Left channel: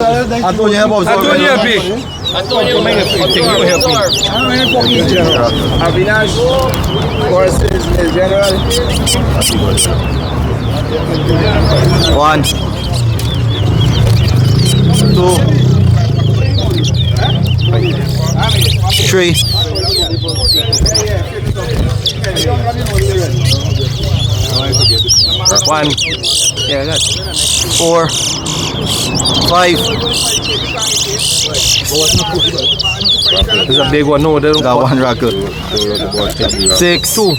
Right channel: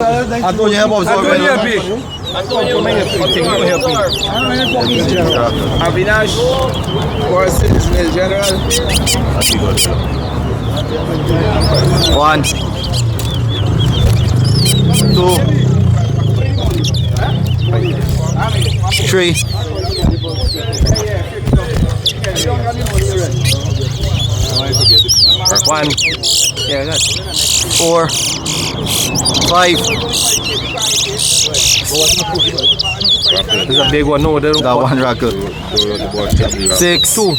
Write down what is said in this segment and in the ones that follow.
Antonio, help us. Antonio, help me. Antonio, make a thing. You help me. Avinash, course is the general. 1, 2, 3, 1. Yeah, that's 4, 5. There's a big one. No, they don't That call. one record. 6, 2.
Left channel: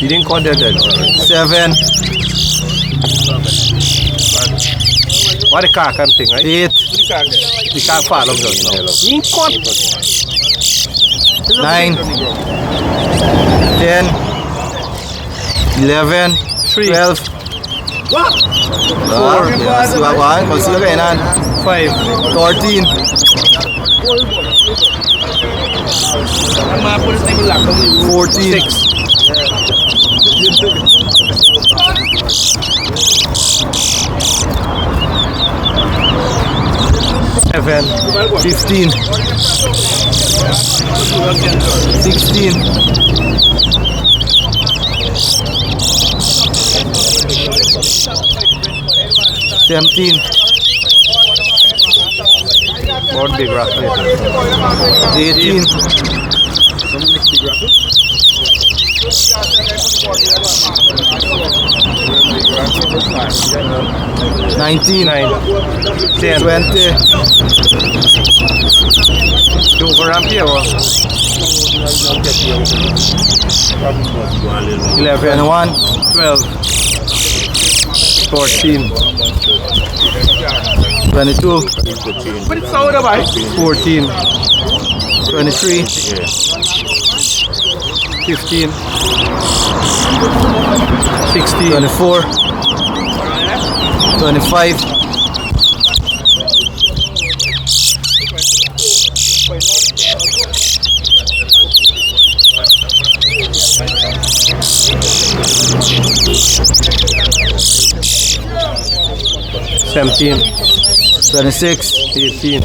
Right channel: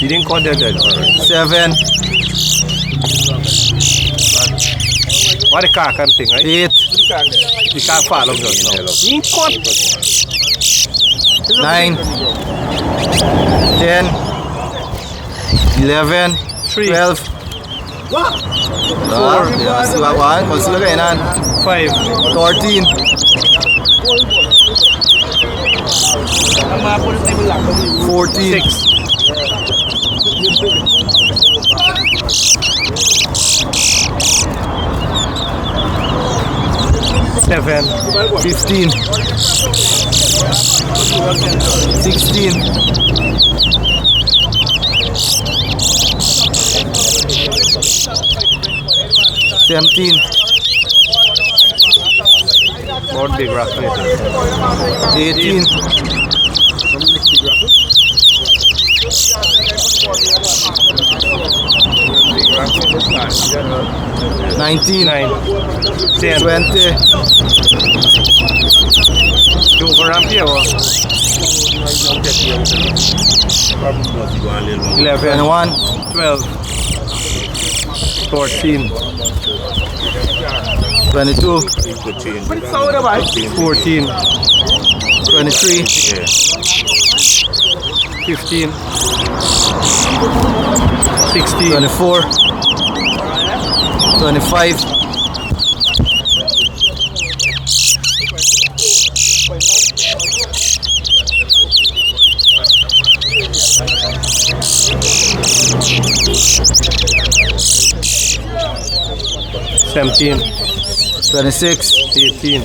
You didn't call that then. 7, What the car can thing, right? 8, The car fall on us now. You ain't caught. 9, 10, 11, 12. Yeah, see what one? Consider again. 5. 13, 14, 6. 7. 15, 16, 17, More big rock later. 18, 19, 9. 10. 20, You overramp here or? 11. 21, 12. 14. 22, 14. 23, 15. 16. 24, 25, 17. 26, 18.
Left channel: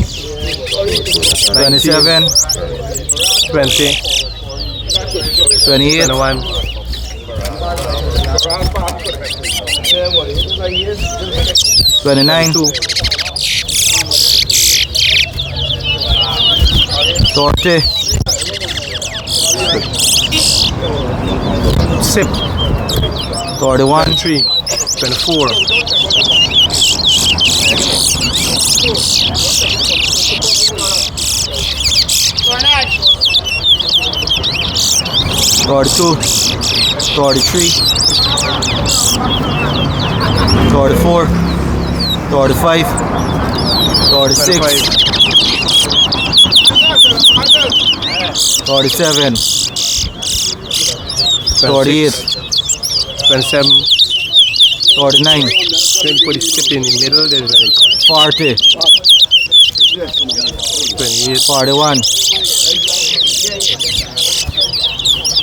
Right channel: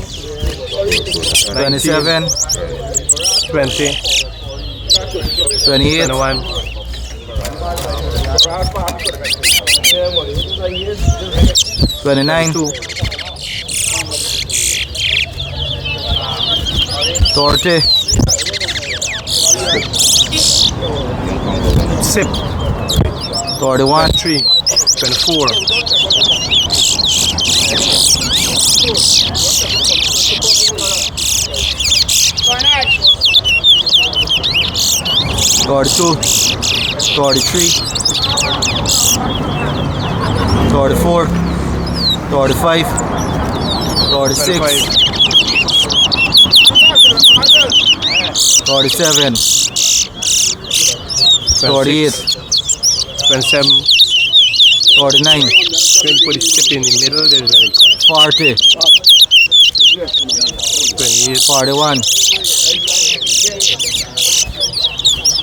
27, 20. 28, 21. 29, 2. 30, Sip. 31, 23. 24. 32, 33, 34, 35, 36, 37, 38, 27. 39, When you put the sip in the middle, there's when it comes. 40, 28. 41,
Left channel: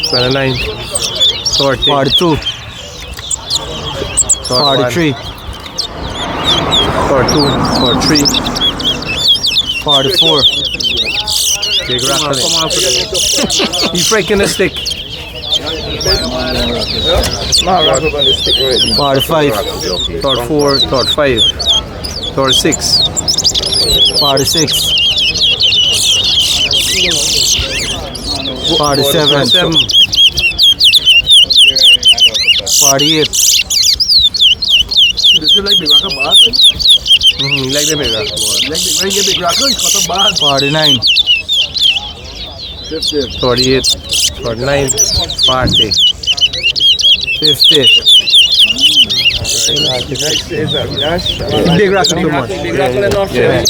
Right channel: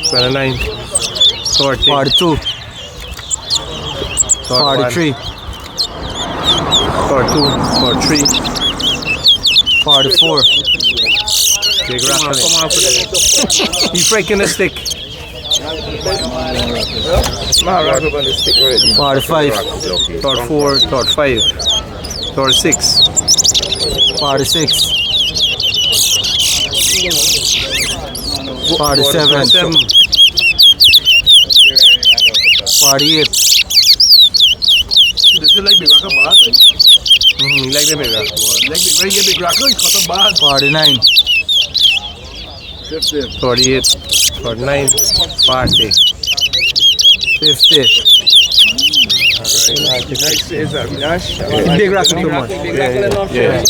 29. 30. 42, 43, 42. 43. 44, Big rock. He's breaking the stick. 45, 34. 35. 36. 46, 47, 7. 48, This is like big rock bar. Like the big rock. Like big rock, it's got a bar. 49, 50. 48. 49. 40. 50, Next is Avinash. Big rock too much. Yeah.